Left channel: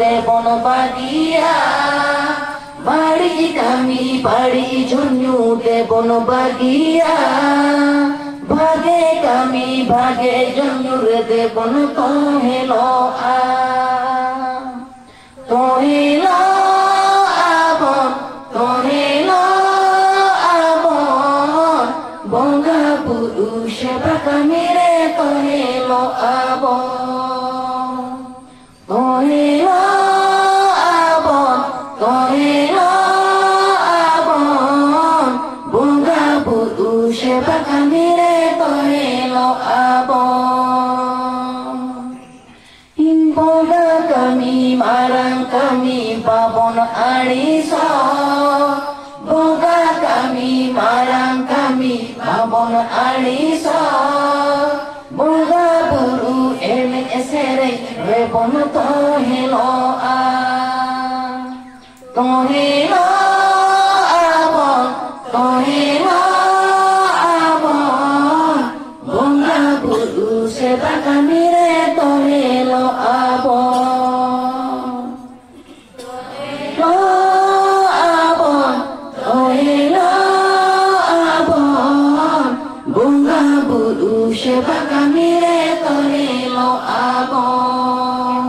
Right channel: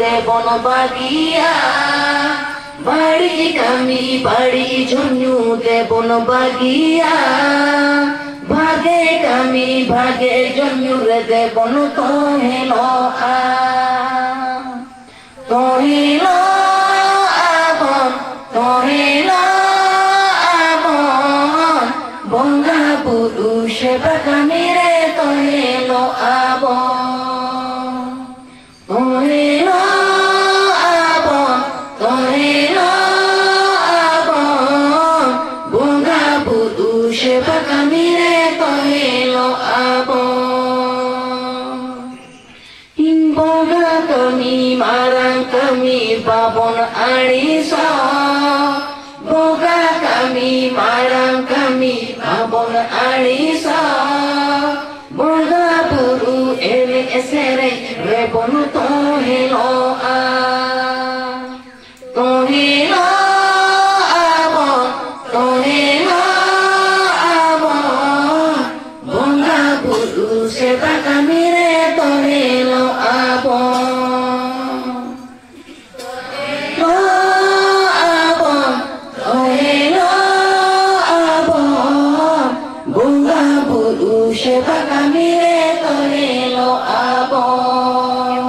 দেবন বাগিয়া বাড়ি কামি বাড়ি ঝুনু দেবন বাগিয়া ভাগে কামি ভাগে ঝুনু রে দেবন তোহেল তোহেল আবন তোহেল আবন বঙ্গা পুরুষ বাগানে রে তোহেল আবন তোহেল আবন তোহেল আবন বঙ্গা পুরুষ বাগানে রে তোহেল আবন বঙ্গা কামি মারাং কামি বাবন আড়িস বঙ্গা কামি মারাং কামি বাবন আড়িস বঙ্গা পুরু এলে এসেরে রেবন তোহেল তোহেল আবন তোহেল আবন বঙ্গা পুরু সেবা কামি রে তোহেল আবন আবন তোহেল আবন বঙ্গা পুরু সেবা কামি রে তোহেল আবন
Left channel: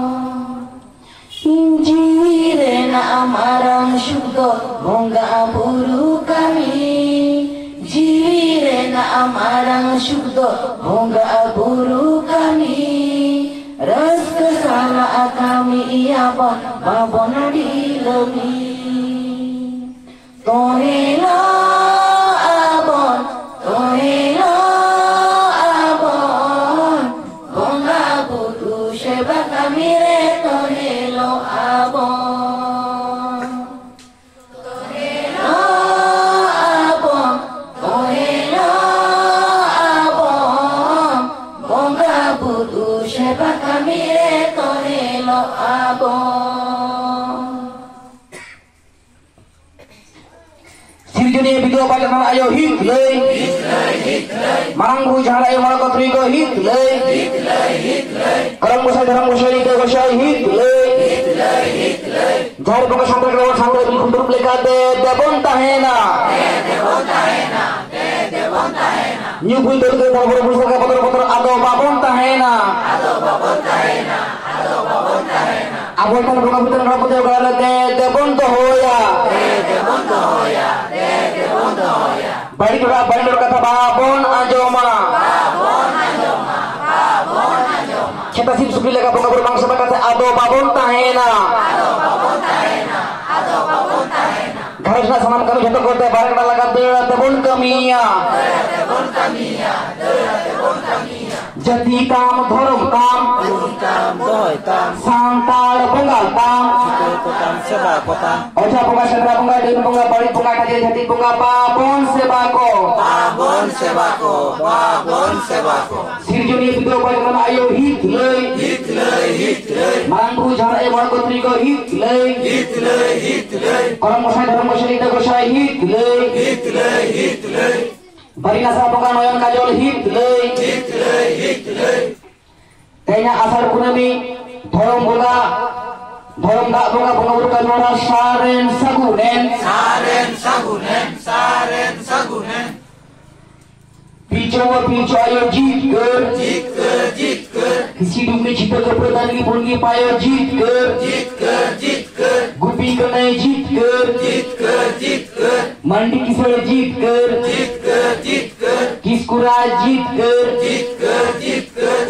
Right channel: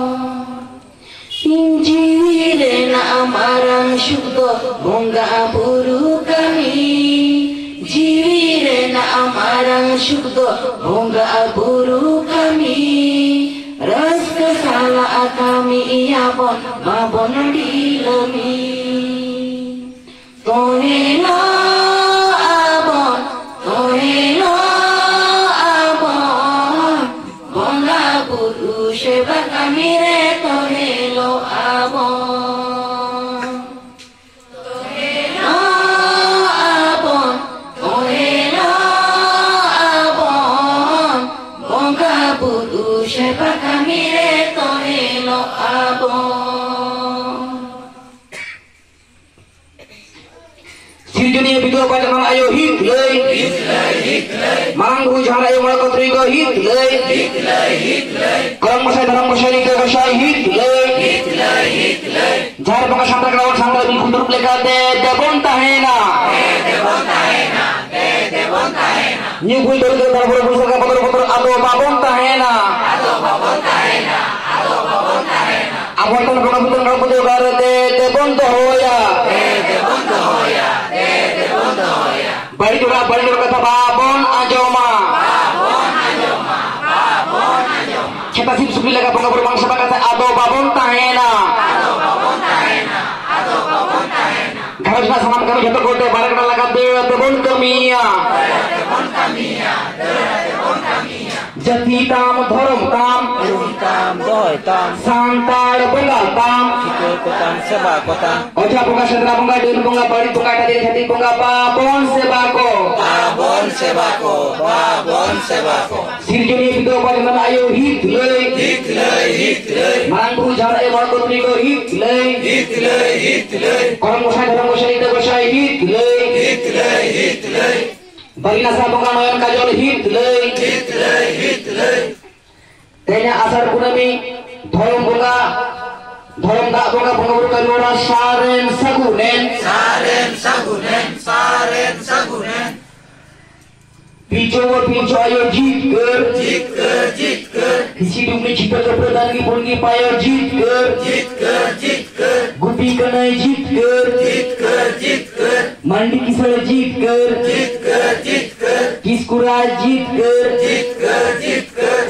জিরে না মারাং শুদ্ধ বঙ্গা পুরু কামি জিরে না মারাং শুদ্ধ বঙ্গা পুরু কামি রস্ত সালা কামি ইয়াবন বাবন ডিলমি তোহেল আবন তোহেল আবন বঙ্গা পুরু সেবা কামি রে তোহেল আবন তোহেল আবন তোহেল আবন বঙ্গা পুরু সেবা কামি রে তোহেল আবন Sirjuni video pada nama ayo hit lay Marang buru jahan ayo malah kau teriak hit lay Korang masai darang masai ni kau masai hit lay Jahir bangga sampai kelawan sampai lebih kundur lekate debon tahena Nyukui dulu ke dalam buru bisa ke betul ado babon tahena Abang kan kau betul kau betul kau debon tohoya Bari dura kata babon ajoma kita sip supi lega bunga berbangsa kata ado babon tahena garap na sanam kami jatuh kote barang na laga debon kamiya jati tam dhorom tam doy tam santal bunga tam kita kotam seba kotam oja bunga sendra bunga dun bunga bari bunga tadi jati bunga babon sebako babon sebako sirjuni video pada nama ayo hit lay marang buru jahan ayo marang kotri ko hit lay korang mosai ita mosai hit lay bari nasa bunga noyan kajol hit lay tanya asar punami dhorom bunga dhorom dak bunga buru kaluara saren sagunen Picho ayo jit ker Hidung ni cita keperdan di bungi payo jit ker Gupi kanai jit ker Mandi kisar jit ker Kiskura jit ker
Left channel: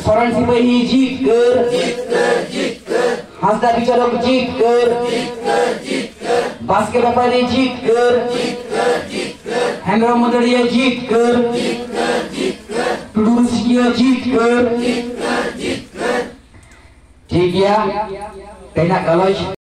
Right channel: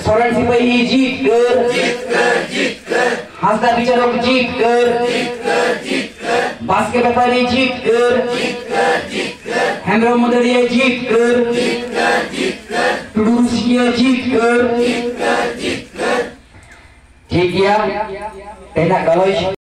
Soran sipahi jit ker Hasda bicarok jit ker Baske bapani jit ker Hendra Madariya jit ker Tudurusia jit ker ठीक है तेना कलश